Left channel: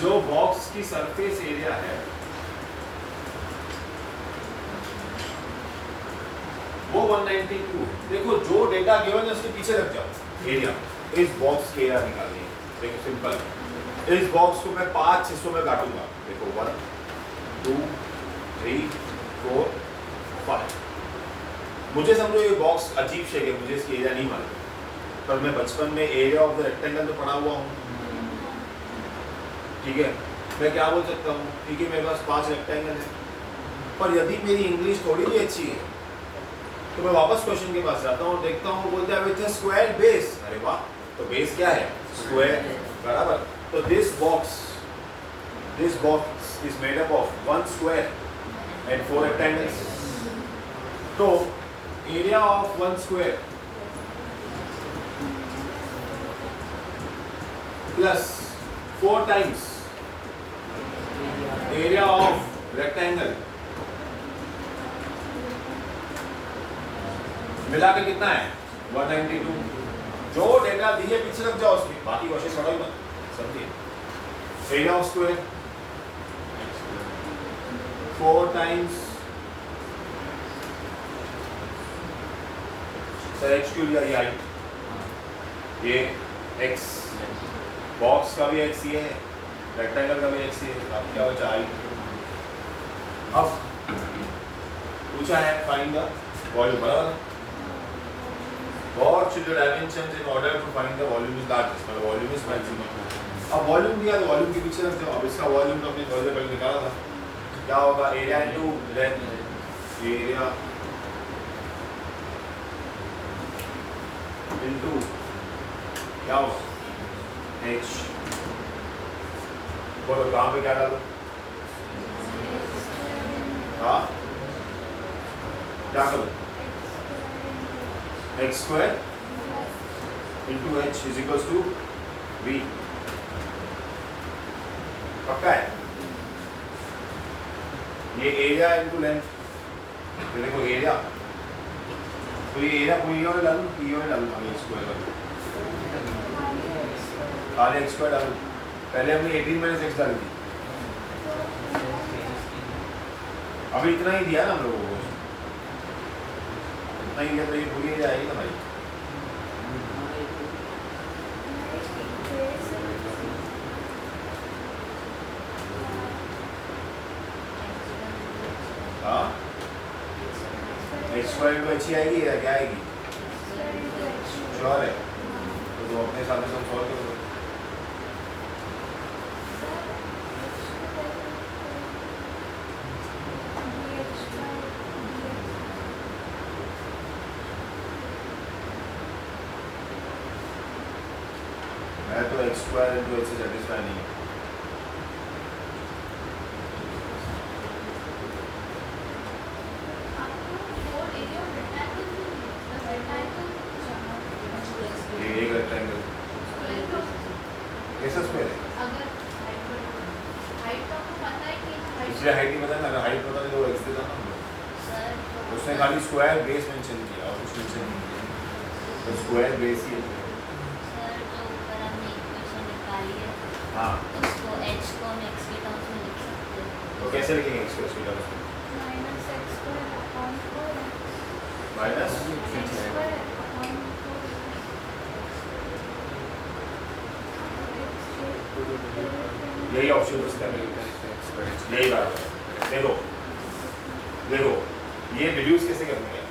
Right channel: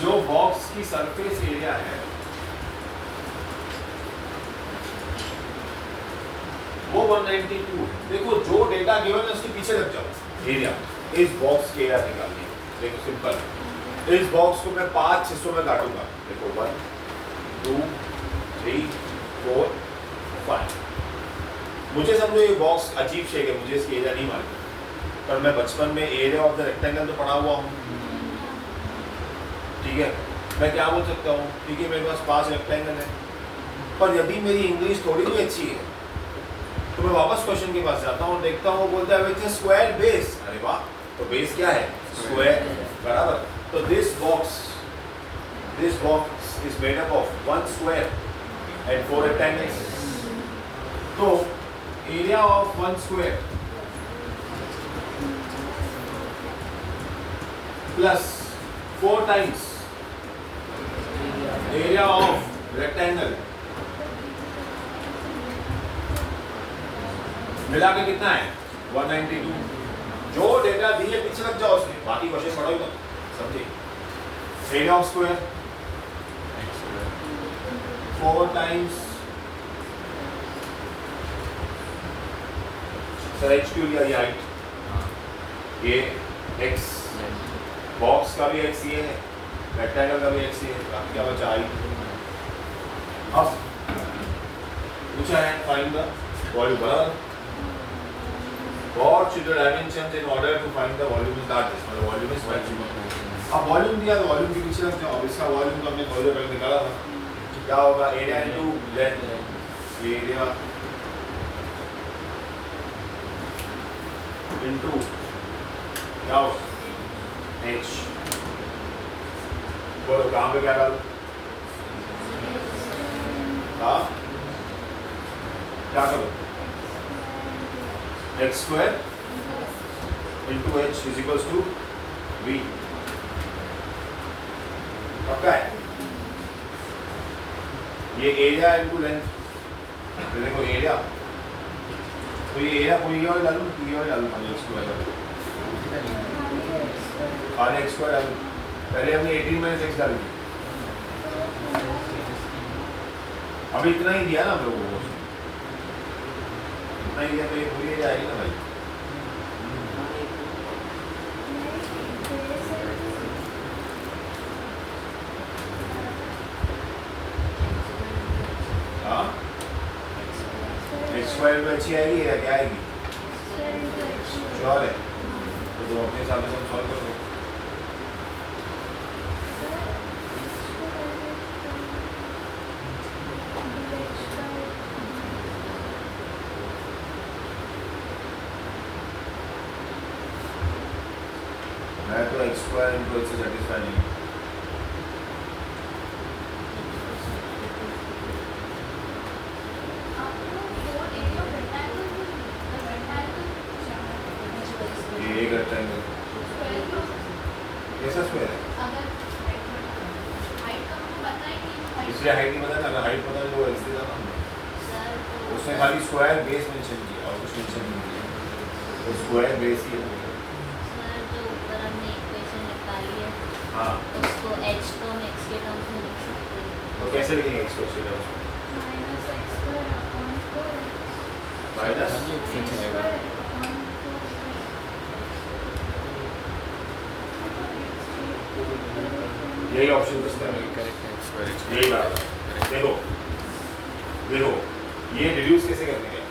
जो बॉक्स की surface area है वो 192 है। देखो जो डेटा गिवन है उसके पीछे लग जाओ। एरिया, इस बॉक्स के एरिया निकालनी है। देखो सिंपल, इस बॉक्स को मैं 5 हिस्सों में काटूंगा। देखो 1 2 3 4 5। मुझे समझो ये बॉक्स अजीब शेप है, मुझे इसकी एरिया नहीं मालूम, पर मैं बचपन में एरिया ऑफ द रेक्टेंगल तो पढ़ा हुआ हूँ। ठीक है, मैं क्या बोल सकता हूँ, ठीक है मेरे पास 5 रेक्टेंगल है, पर यदि मेरी इंग्लिश थोड़ी भी अच्छी है तो मैं वापस क्वेश्चन के पास जाता हूँ, देखता हूँ, बोलते हैं विथ स्क्वायर बेस। अरे वाह, तो बेस क्या है? स्क्वायर, बराबर। तो this box is made up of 1 square and 4 rectangles. तो area of 1 square plus 4 times area of rectangle मिला के कितना है? 192। जो डेटा दी है पीछे लग जाओ उसके, बाकी क्वेश्चन पढ़ो ही मत, समझिए। Area of square 4 times h लिया ये हाइट, ये x, बॉक्स का भी x ये है, रेक्टेंगल का भी x ये है, अब क्या बचा? हाइट। अब पूछा है फाइंड द वॉल्यूम, बराबर। What should the dimensions in order to find the volume is largest? मतलब वॉल्यूम इज मैक्सिमम। अब वॉल्यूम दिया तो वॉल्यूम के पीछे रख जाओ। अब इसका वॉल्यूम तो हमने थोड़ी देर पहले निकाला था, क्या होगा? Area into length, area into क्या होगा? h। बोलो कहाँ पे क्या डालो? हाँ, क्या करो? x square into h is equals to v। पक्का है? ये एरिया इनटू लेंथ, तो देखो एरिया, तो ये एरिया कोई और डालूं, ये और डालूं, x स्क्वायर आगे x स्क्वायर डालूं। पहले हमने 18 माइनस x डाल दी, अभी इतना ही दिया ना हम लोगों को, इतना ही दिया, तो ये पूरी एरिया आएगी ना भाई। हाँ, x स्क्वायर भी अच्छी आएगी या क्या आएगी? श्योर है? तो दो अपने हिसाब से सॉल्व करो। मैं तो x स्क्वायर इनटू h से सेटिस्फाई नहीं हूँ। ये एक रेक्टेंगल कैसा स्क्वायर है? इसलिए हाइट नहीं पता ना, अगर हाइट पता तो x देता ना। उसने खाली स्क्वायर बेस मेंशन किया और कुछ मेंशन नहीं किया, तो स्क्वायर बेस ही है। हाँ, उसको h को हम x के टर्म्स में लिख सकते हैं। तो कैसे लिखेंगे x को x के टर्म्स में? माइनस यही ऑप्शन उसका है, यही बात है। देखो देखो ये रिड्यूस कैसे करने हैं?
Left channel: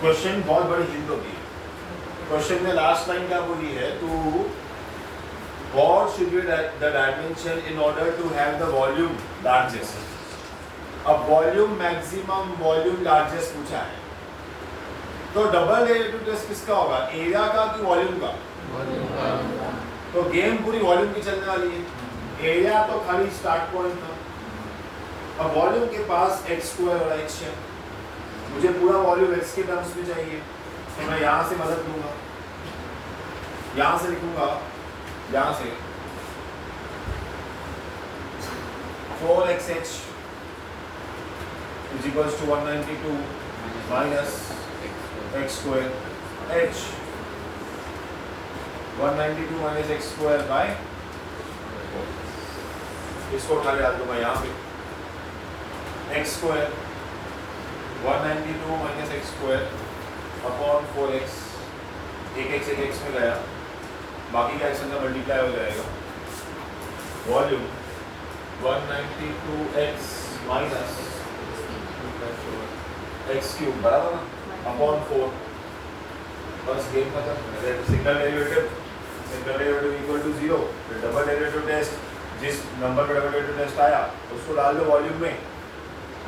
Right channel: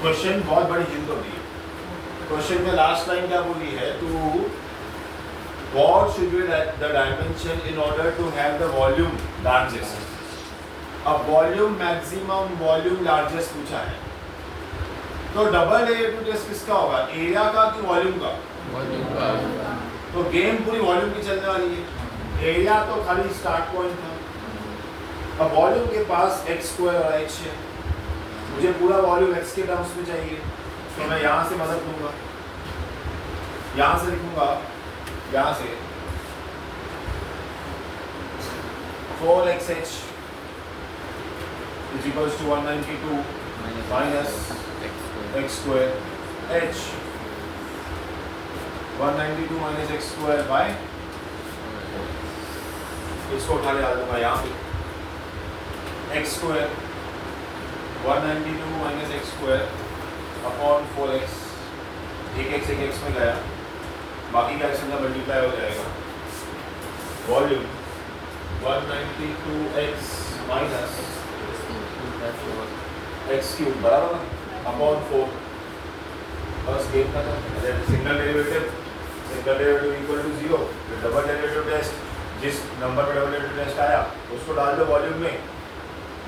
क्वेश्चन बहुत बड़ी हिंट होती है। क्वेश्चन में लास्ट लाइन क्या बोली है? To what should be the dimension in order to have the volume largest? अब वॉल्यूम मैक्सिमम, वॉल्यूम लार्जेस्ट पूछा है, तो डबल डेरिवेटिव टेस्ट किसका होगा? एरिया का कि वॉल्यूम का? तो गेम पूरी वॉल्यूम की चलने वाली है। एरिया तो खाली स्टार्ट पॉइंट था, अब वॉल्यूम के पास x स्क्वायर और h है, मुझे पूरा वॉल्यूम x के टर्म्स में चाहिए, तो मैं यहाँ से मदद लूंगा, यहाँ से लिखूंगा, यहाँ से 4xh is equals to 192 minus x square h 192 minus x square by इसको उठा के डाल दूंगा यहाँ पे x square 192 minus x square upon 4x एक एक्स में गया, बाकी का एक्स अंदर मल्टीप्लाई हो जाएगा। Volume 192x minus x cube बराबर ना अपॉन 4, बस गेम खत्म। सिंगल डेरिवेटिव इक्वल टू 0, फिर डबल डेरिवेटिव टेस्ट, जिस नंबर पे डबल डेरिवेटिव टेस्ट आया उसको डाल दो वॉल्यूम में,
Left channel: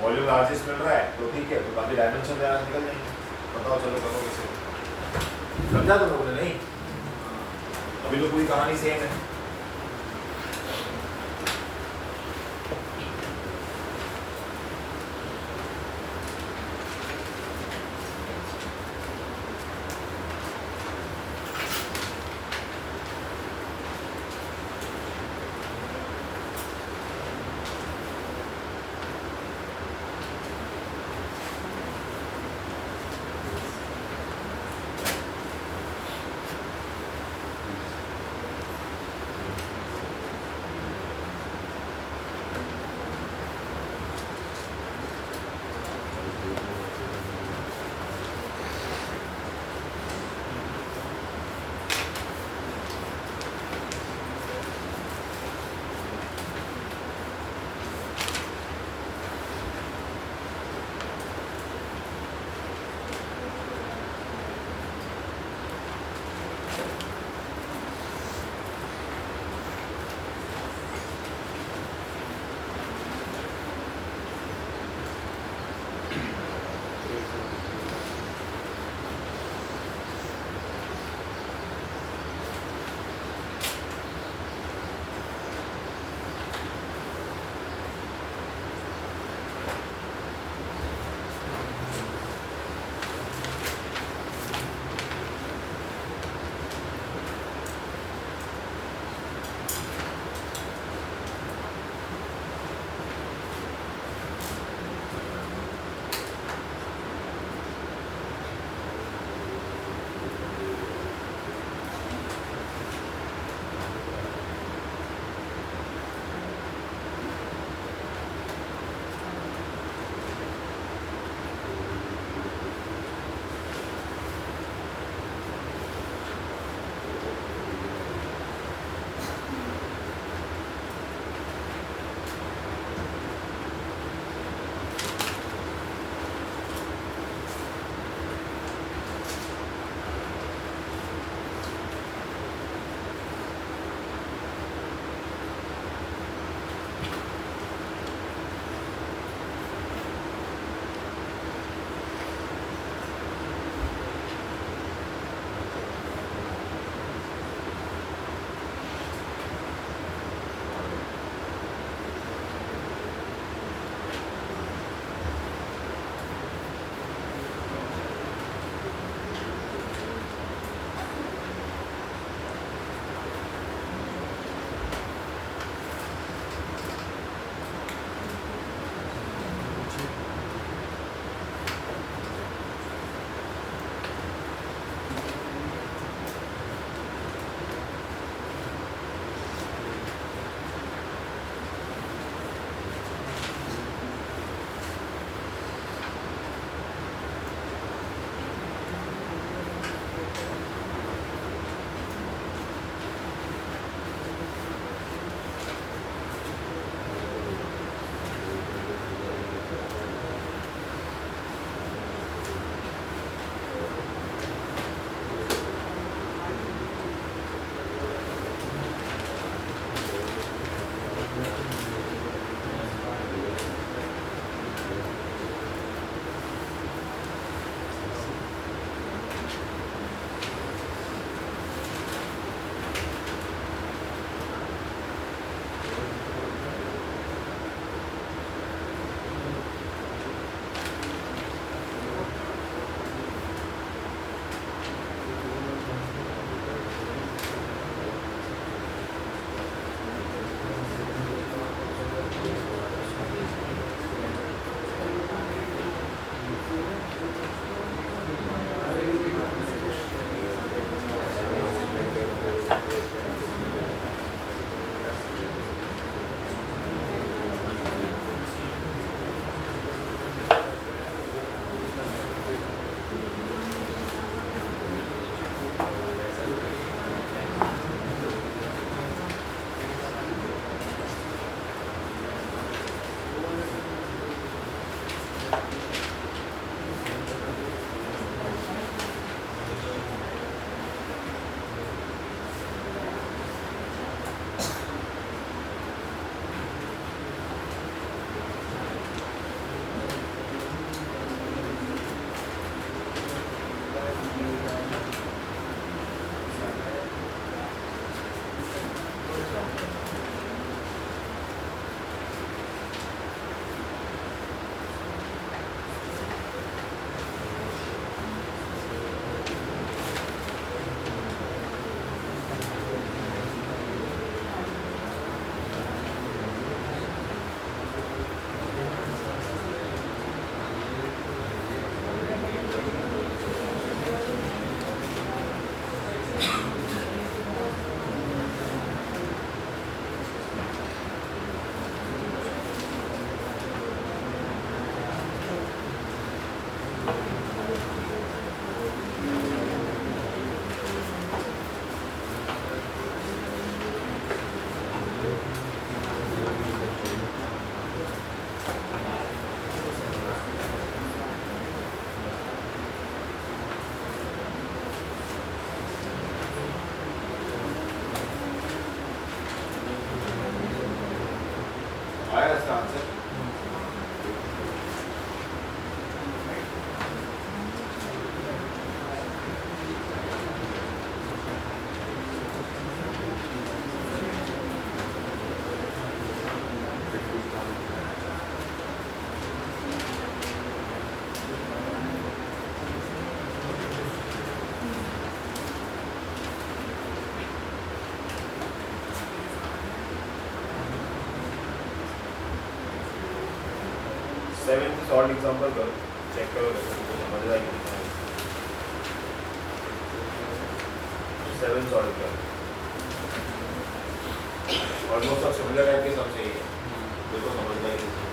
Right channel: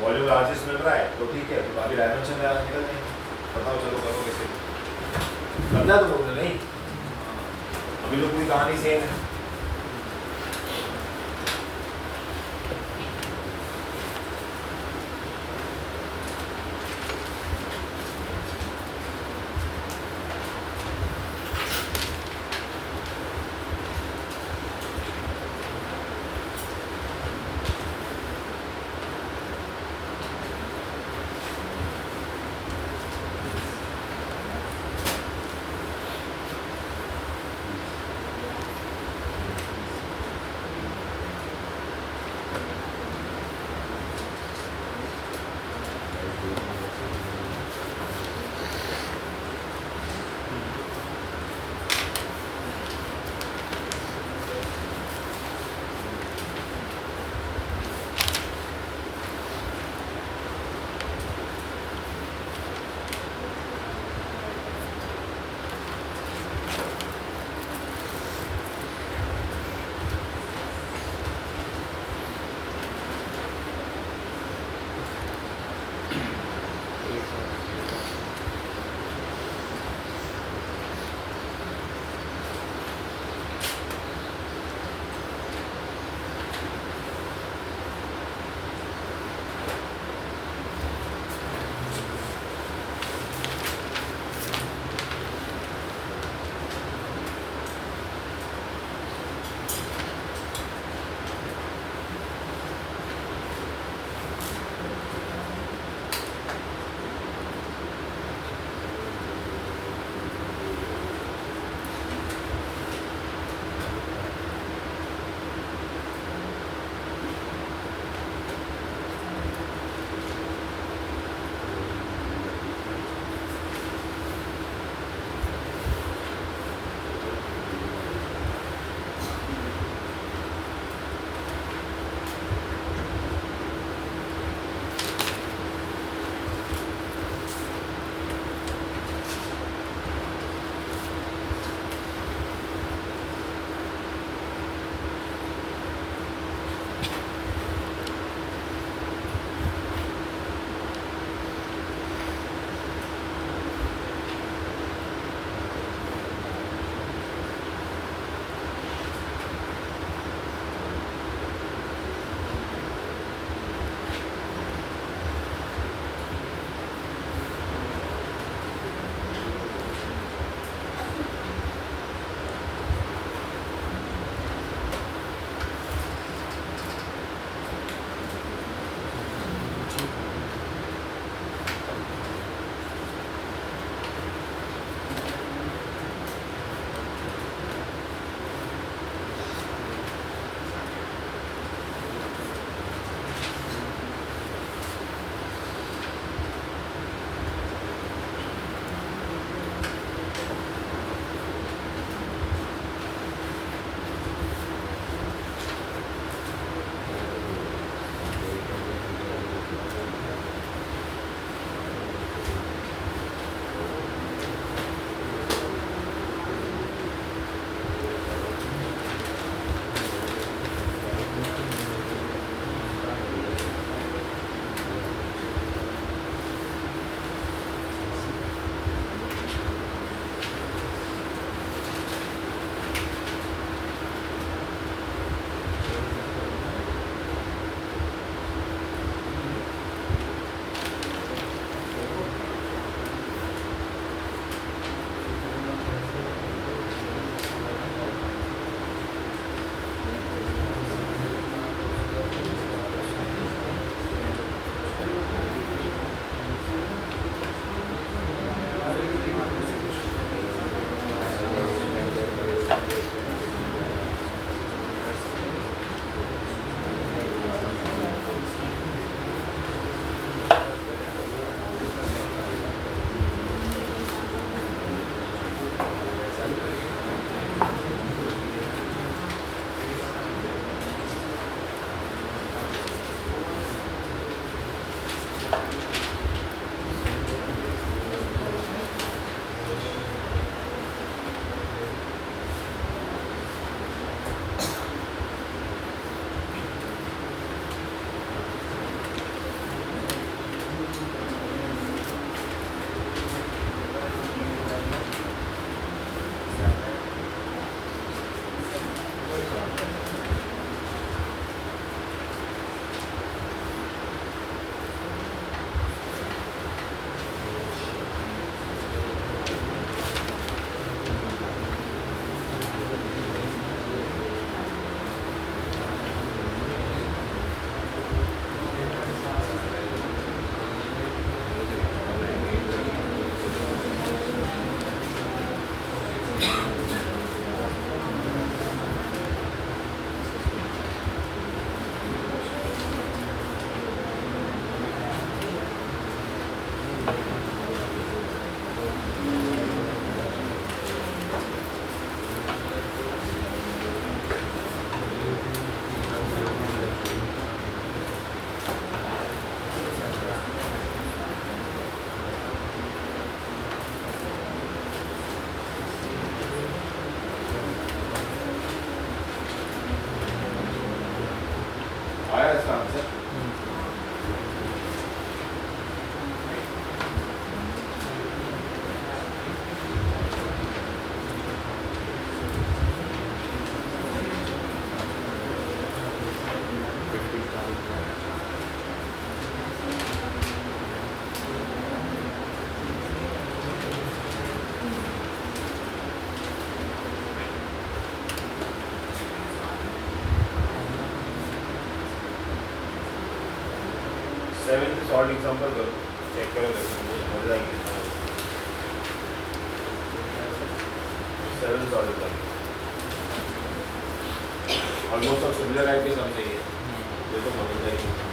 वॉल्यूम लार्जेस्ट मिल रहा है तो ठीक है, फिर बाकी डायमेंशन निकल जाएंगे। बताओ चलो करो कैसे, समझा तो लोगों ने? नहीं, अभी तो पूरी कहानी सेम है। 7th सॉल्व एग्जांपल करो, चेक करो देखो समझ जाएगी। 7 सॉल्व करो, ऑलमोस्ट सब सिमिलर टाइप के सम चाहिए, देखो समझ जाएगी।